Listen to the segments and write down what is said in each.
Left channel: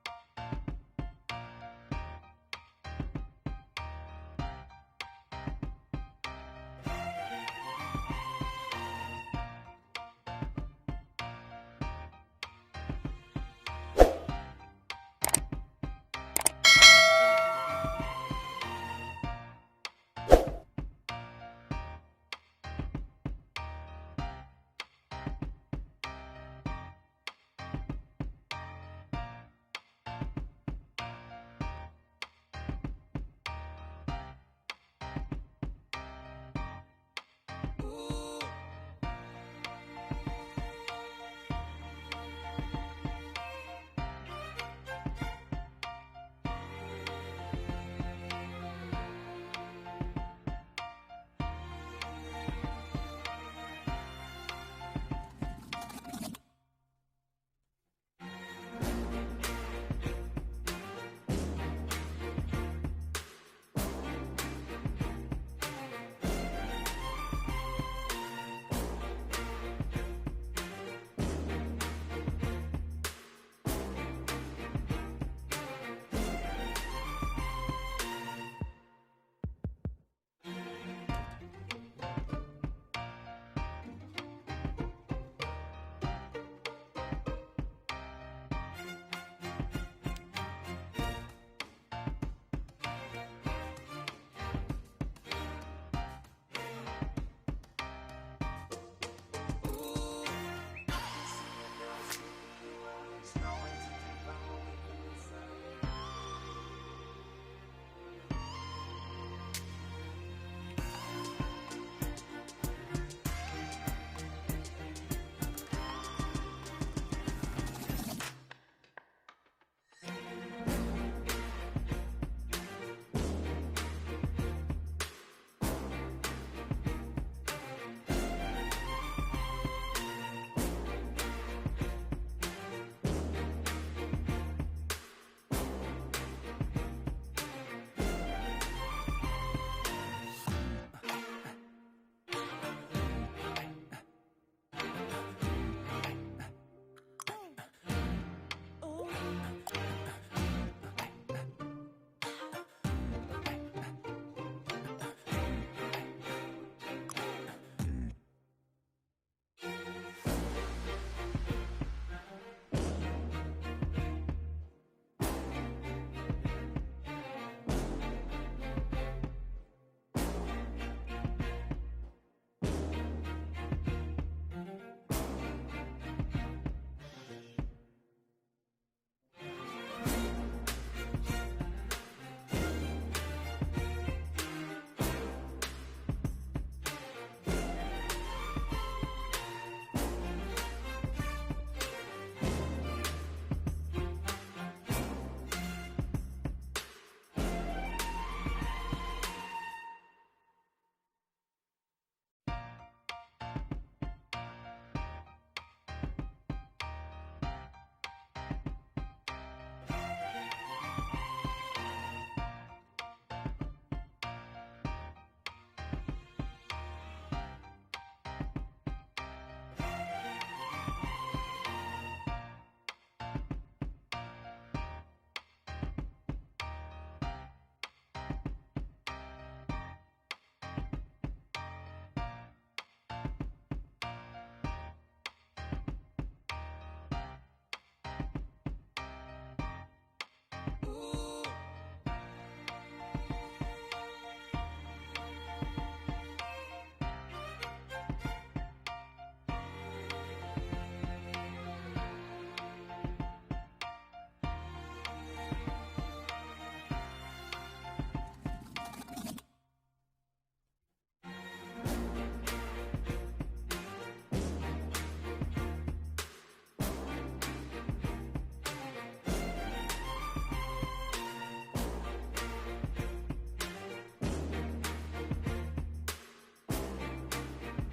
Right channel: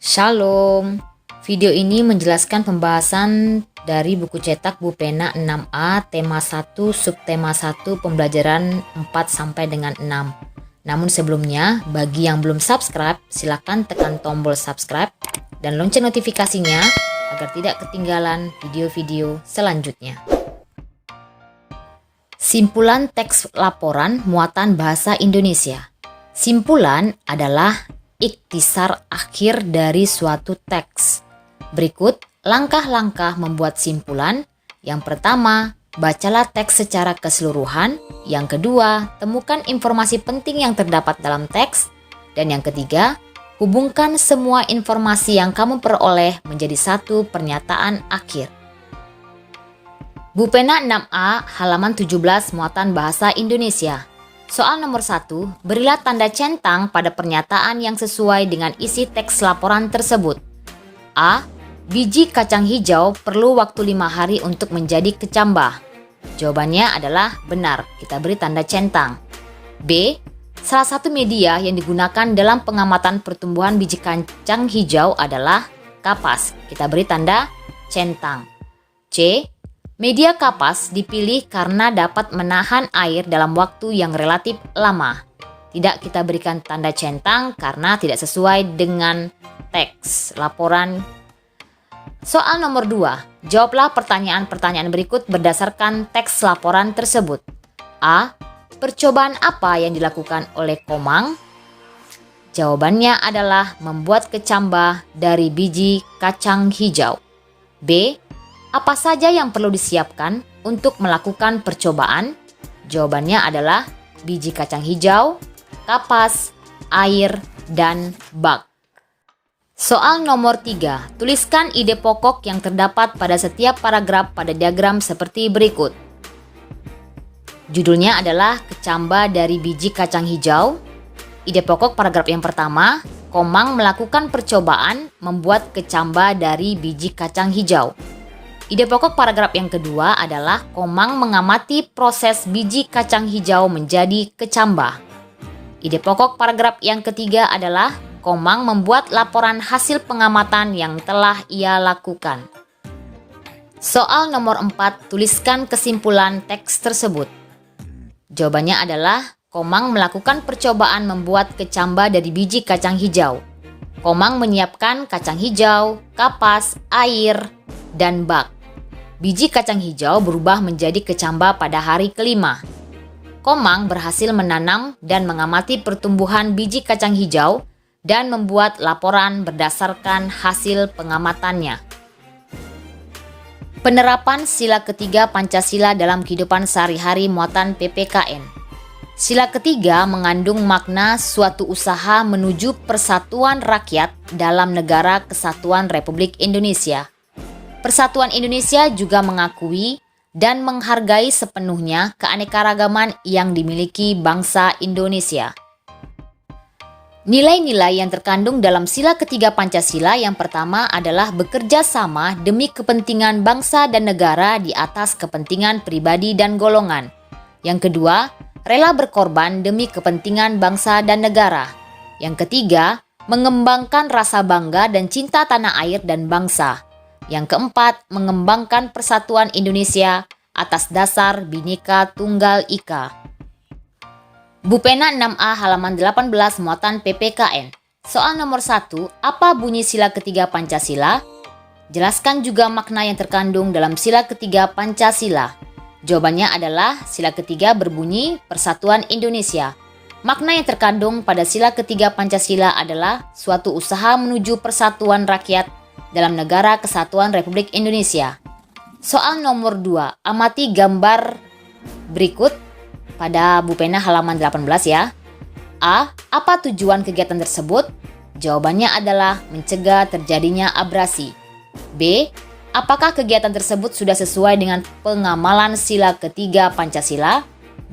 Shalom. Video ini menjelaskan pembahasan dari buku cetak Bu Pena 6A tema 1 subtema 1 pembelajaran 4 sampai dengan 6. Namun sebelumnya, bagi yang belum subscribe, silakan tekan tombol subscribe dan lonceng notifikasinya agar tidak ketinggalan video-video selanjutnya. Simpulan teks laporan muatan bahasa Indonesia. Simpulan adalah ikhtisar akhir dari suatu teks. Berikut langkah-langkah membuat simpulan. Yang pertama, bacalah teks secara keseluruhan. Yang kedua, temukan informasi penting yang terdapat dalam teks. Dan yang ketiga, hubungkan semua informasi yang kamu peroleh menjadi satu pernyataan akhir. Bu Pena 6A halaman 17 muatan bahasa Indonesia. Soal nomor 1, berilah tanda centang pada pernyataan yang sesuai dengan isi teks laporan tersebut. A. Biji kacang hijau perlu waktu 5 hari untuk menjadi kecambah. Jawabannya adalah benar, kita beri tanda centang. B. Salah satu media yang digunakan dalam pengamatan pertumbuhan biji kacang hijau adalah kapas, kita beri tanda centang. C. Media kapas dipilih karena dapat menahan air dalam waktu yang relatif lama. Tidak kita berikan tanda centang karena tidak sesuai dengan teks laporan. Soal nomor 2. Jawablah pertanyaan-pertanyaan berikut berdasarkan teks laporan tersebut. A. Percobaan apa yang dilakukan oleh Komang? Jawabannya adalah membuat kecambah dari biji kacang hijau. B. Apa saja yang perlu disiapkan untuk melakukan percobaan? Jawabannya adalah biji kacang hijau, kapas, air, dan bak. Soal nomor 3. Tuliskan ide pokok yang terdapat pada setiap paragraf pada diagram seperti berikut. Judulnya adalah kecambah dari biji kacang hijau. Ide pokok paragraf yang pertama, Komang melakukan percobaan membuat kecambah dari biji kacang hijau. Ide pokok paragraf yang kedua adalah Komang mengamati proses biji kacang hijau menjadi kecambah. Ide pokok paragraf yang ketiga adalah Komang membuat laporan hasil pengamatan yang telah ia lakukan. Soal nomor 4, tuliskan kesimpulan teks tersebut. Jawabannya adalah Komang melakukan percobaan membuat kecambah dari biji kacang hijau. Komang menyiapkan kacang hijau, kapas, air, dan bak. Biji kacang hijau berubah menjadi kecambah pada hari kelima. Komang berhasil menanam dan mengamati pertumbuhan biji kacang hijau dan membuat laporan berdasarkan hasil pengamatannya. Penerapan sila ketiga Pancasila dalam kehidupan sehari-hari muatan PPKN. Sila ketiga mengandung makna suatu usaha menuju persatuan rakyat dalam negara kesatuan Republik Indonesia. Persatuan Indonesia juga mengakui dan menghargai sepenuhnya keanekaragaman yang dimiliki bangsa Indonesia. Nilai-nilai yang terkandung dalam sila ketiga Pancasila yang pertama adalah bekerja sama demi kepentingan bangsa dan negara di atas kepentingan pribadi dan golongan. Yang kedua, rela berkorban demi kepentingan bangsa dan negara. Yang ketiga, mengembangkan rasa bangga dan cinta tanah air dan bangsa. Yang keempat, mengembangkan persatuan Indonesia atas dasar Bhinneka Tunggal Ika. Bu Pena 6A halaman 18 muatan PPKN. Soal nomor 1, apa bunyi sila ketiga Pancasila? Jelaskan juga makna yang terkandung dalam sila ketiga Pancasila. Jawabannya adalah sila ketiga berbunyi Persatuan Indonesia. Makna yang terkandung pada sila ketiga Pancasila adalah suatu usaha menuju persatuan rakyat dalam negara kesatuan Republik Indonesia. Soal nomor 2, amati gambar berikut pada Bu Pena halaman 18 ya. A. Apa tujuan kegiatan tersebut? Jawabannya adalah mencegah terjadinya abrasi. B. Apakah kegiatan tersebut sudah sesuai dengan pengamalan sila ketiga Pancasila?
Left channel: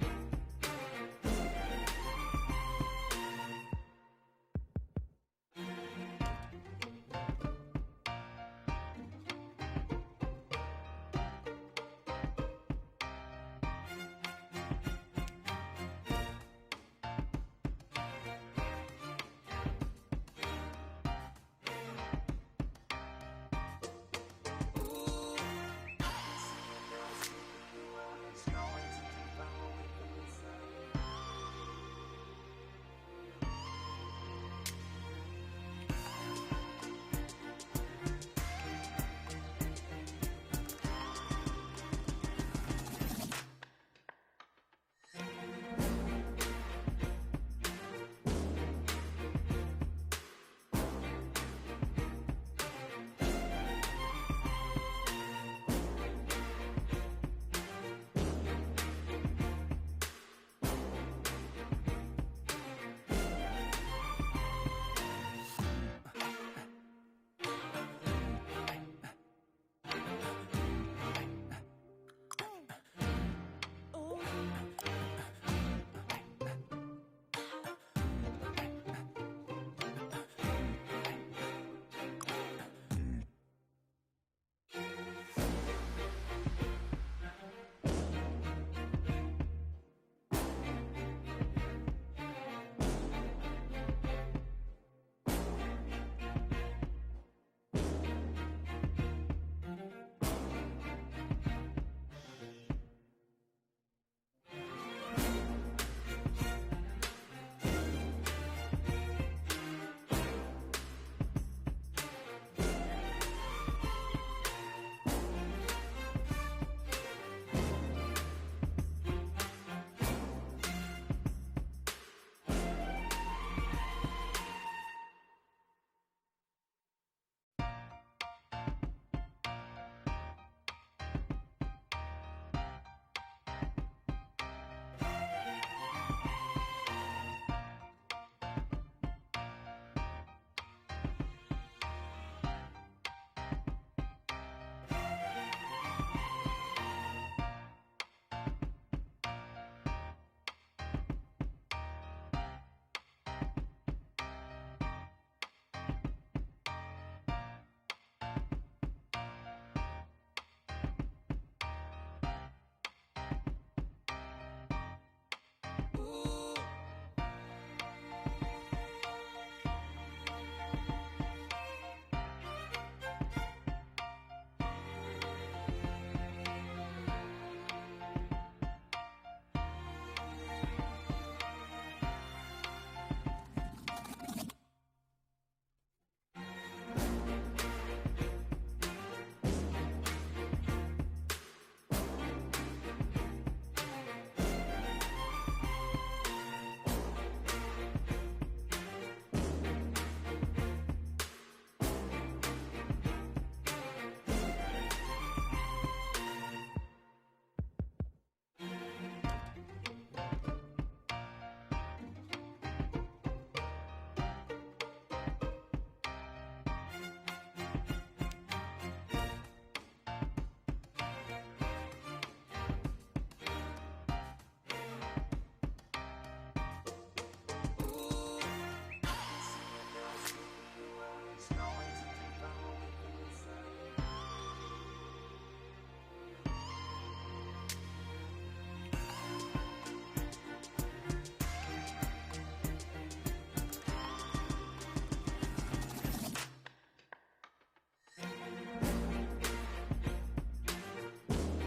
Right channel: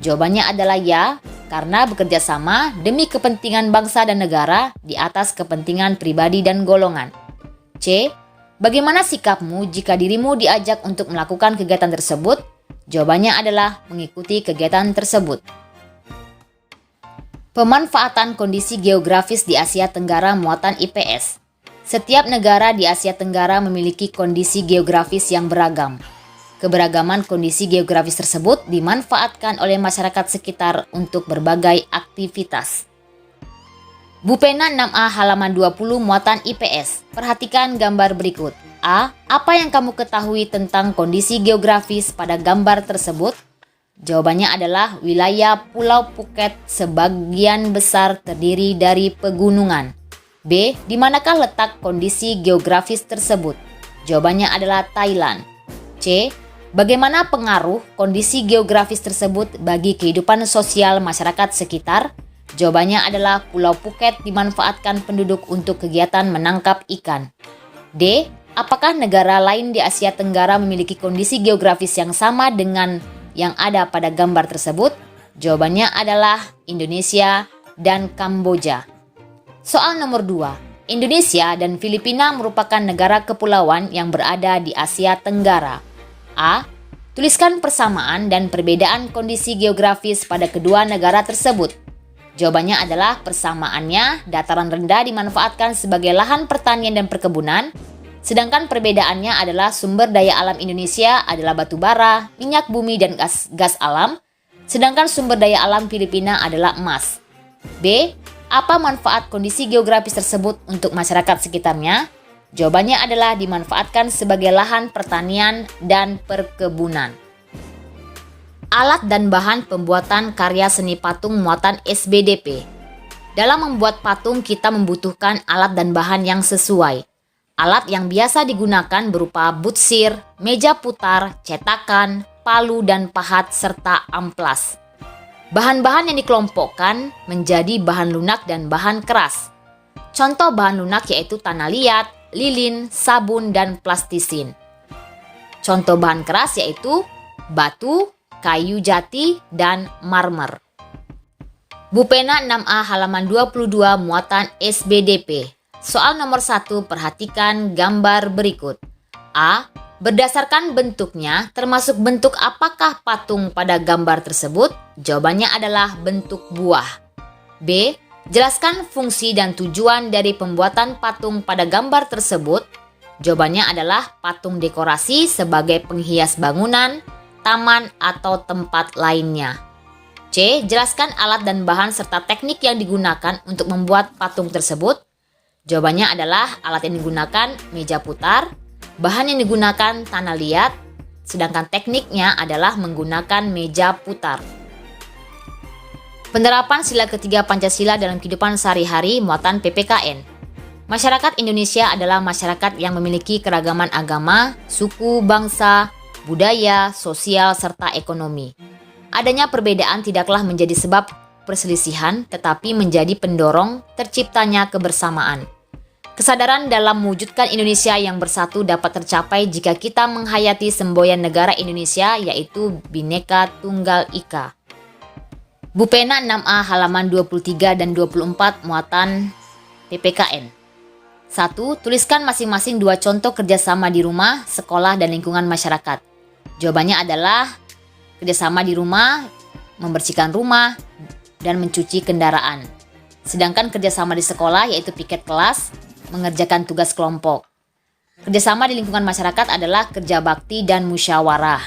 Jawabannya adalah ya, karena bekerja sama demi kepentingan bangsa dan negara di atas kepentingan pribadi dan golongan. C. Bagaimana sikapmu jika dirimu diajak untuk melakukan kegiatan tersebut? Jawabannya adalah mengikuti kegiatan tersebut. Pemanfaatan kondisi geografis di Asia Tenggara muatan IPS. Setiap negara di Asia Tenggara memiliki kondisi geografis yang beragam. Keberagaman kondisi geografis tersebut dimanfaatkan oleh masyarakat sekitar untuk berbagai aktivitas. Bupena 6A halaman 20 muatan IPS. Perhatikan gambar berikut. A. Apa yang kamu ketahui tentang kondisi geografis pada gambar tersebut? Jawabannya adalah wilayah Pulau Phuket sebagian besar terdiri dari pegunungan. B. Di manakah letak kondisi geografis tersebut? Jawabannya adalah Thailand. C. Bagaimana pengaruh kondisi geografis tersebut bagi kehidupan sosial masyarakat sekitar? Jawabannya adalah Pulau Phuket dimanfaatkan penduduk untuk kegiatan menangkap ikan. D. Apakah negara lain di Asia Tenggara memiliki kondisi geografis yang sama dengan yang ada pada gambar tersebut? Jawabannya adalah Indonesia dan Kamboja. Soal nomor 2. Indonesia dan Filipina merupakan negara kepulauan yang berada di Asia Tenggara. A. Tuliskan persamaan dan perbedaan kondisi geografis pada kedua negara tersebut. Jawabannya adalah persamaannya dataran rendah dimanfaatkan sebagai lahan pertanian dan perkebunan, sedangkan perbedaannya adalah sumber daya alam Indonesia adalah batu bara, minyak bumi dan gas alam, sedangkan sumber daya alam Filipina adalah emas. B. Apa manfaat kondisi geografis tersebut untuk masyarakat sekitarnya? Jawabannya adalah dimanfaatkan sebagai lahan pertanian dan perkebunan. Alat dan bahan pembuatan karya seni patung muatan SBDP. Dalam membuat patung kita membutuhkan alat dan bahan yang sesuai. Alat yang biasa digunakan berupa butsir, meja putar, cetakan, palu dan pahat serta amplas. Bahan-bahan yang dikelompokkan menjadi bahan lunak dan bahan keras. Contoh bahan lunak yaitu tanah liat, lilin, sabun, dan plastisin. Contoh bahan keras yaitu batu, kayu jati, dan marmer. Bupena 6A halaman 22 muatan SBDP. Soal nomor 1, perhatikan gambar berikut. A. Berdasarkan bentuknya, termasuk bentuk apakah patung pada gambar tersebut? Jawabannya adalah bentuk buah. B. Jelaskan fungsi dan tujuan dari pembuatan patung pada gambar tersebut. Jawabannya adalah patung dekorasi sebagai penghias bangunan, taman, atau tempat lainnya. C. Jelaskan alat dan bahan serta teknik yang digunakan untuk membuat patung tersebut. Jawabannya adalah alat yang digunakan meja putar, bahan yang digunakan tanah liat, sedangkan tekniknya adalah menggunakan meja putar. Penerapan sila ketiga Pancasila dalam kehidupan sehari-hari muatan PPKN. Masyarakat Indonesia adalah masyarakat yang memiliki keragaman agama, suku, bangsa, budaya, sosial, serta ekonomi. Adanya perbedaan tidaklah menjadi sebab perselisihan, tetapi menjadi pendorong terciptanya kebersamaan. Kesadaran dalam mewujudkan Indonesia yang bersatu dapat tercapai jika kita menghayati semboyan negara Indonesia yaitu Bhinneka Tunggal Ika. Bupena 6A halaman 23 dan 24 muatan PPKN. 1. Tuliskan masing-masing 2 contoh kerjasama di rumah, sekolah, dan lingkungan masyarakat. Jawabannya adalah kerjasama di rumah, membersihkan rumah, dan mencuci kendaraan. Sedangkan kerjasama di sekolah yaitu piket kelas, mengerjakan tugas kelompok. Kerjasama di lingkungan masyarakat adalah kerja bakti dan musyawarah.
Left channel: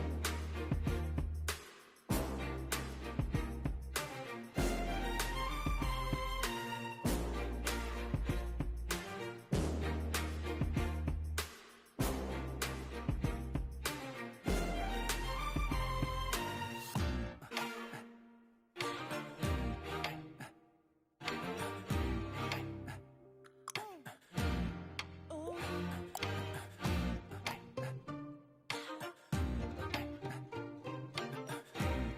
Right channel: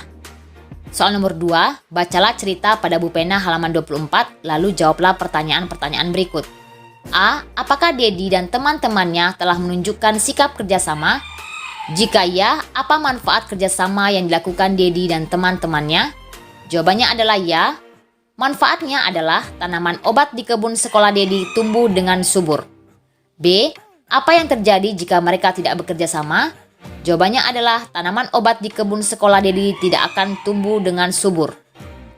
Soal nomor 2, bacalah cerita pada Bupena halaman 24, lalu jawablah pertanyaan-pertanyaan berikut. A. Apakah Dedi dan teman-temannya telah menunjukkan sikap kerjasama? Jika ya, apa manfaat kerjasama yang dilakukan Dedi dan teman-temannya? Jawabannya adalah ya. Manfaatnya adalah tanaman obat di kebun sekolah Dedi tumbuh dengan subur. B. Apa yang terjadi jika mereka tidak bekerja sama? Jawabannya adalah tanaman obat di kebun sekolah Dedi tidak akan tumbuh dengan subur.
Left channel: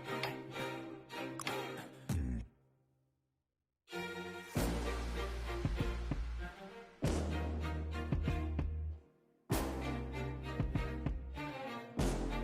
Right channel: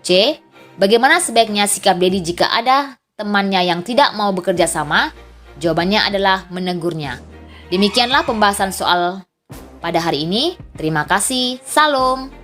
C. Bagaimana sebaiknya sikap Dedi jika ada temannya yang tidak mau bekerja sama? Jawabannya adalah menegurnya. Demikianlah pembahasan soal pada hari ini. Terima kasih. Salam.